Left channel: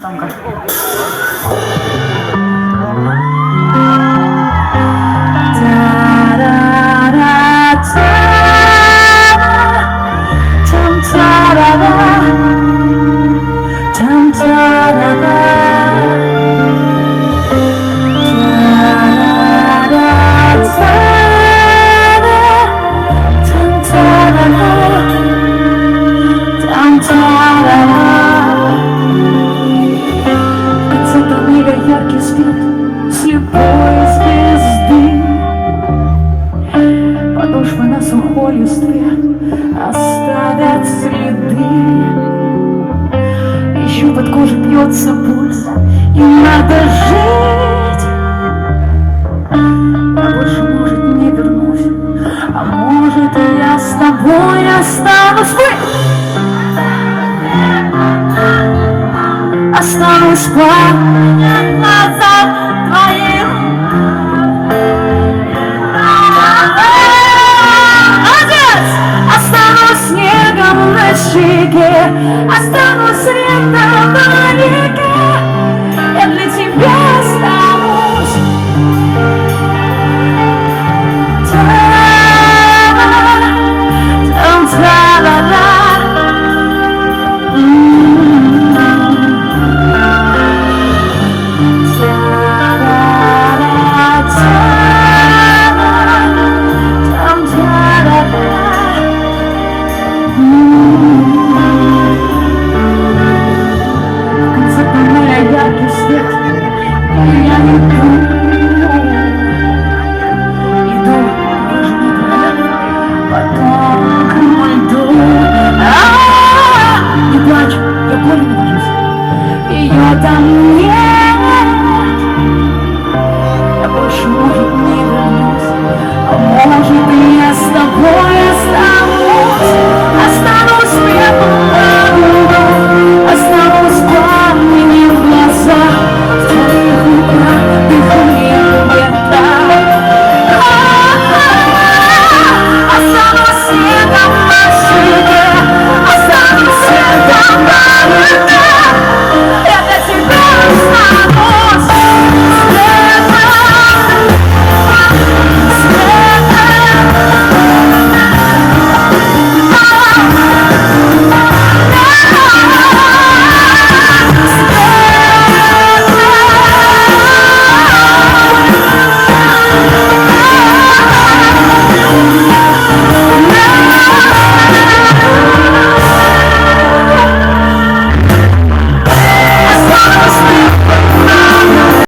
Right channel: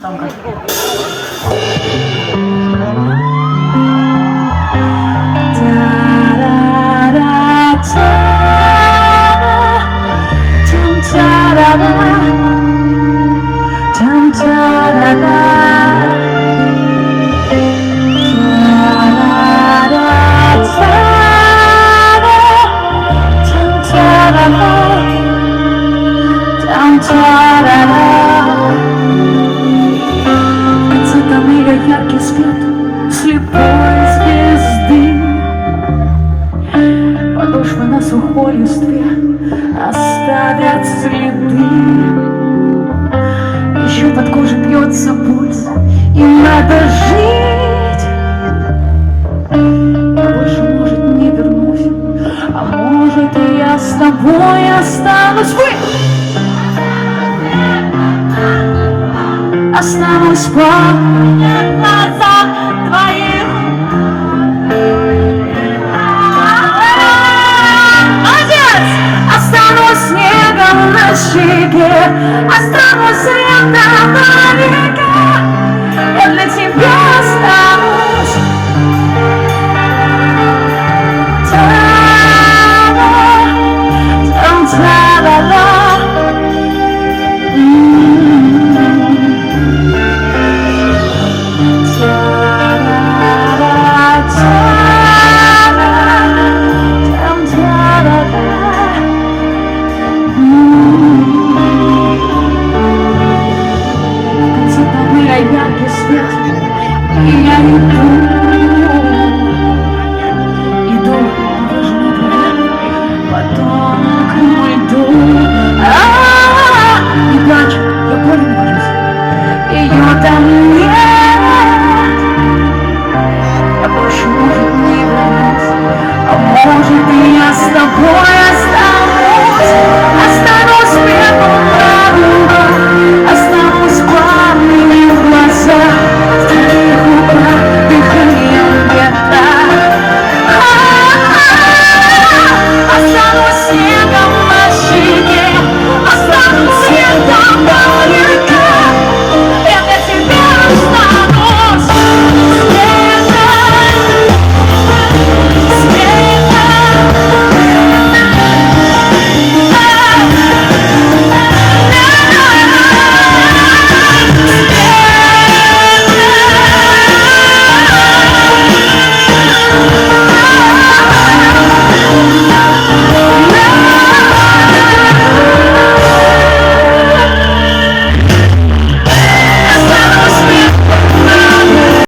Там как. Где-то мига яркий свет слепой звезды, подошвы на сухой листве оставят следы. Еще под кожей бьется пульс, и надо жить. Я больше, может, не вернусь, а может, и я с тобой останусь. Останусь в глазах твоих. Молодец! Останусь снегом на щеке, останусь светом на реке. Я для тебя останусь. Яркий свет, и я иду, даже не говоря, потом к льду. Не плачь, я горем боюсь, ее там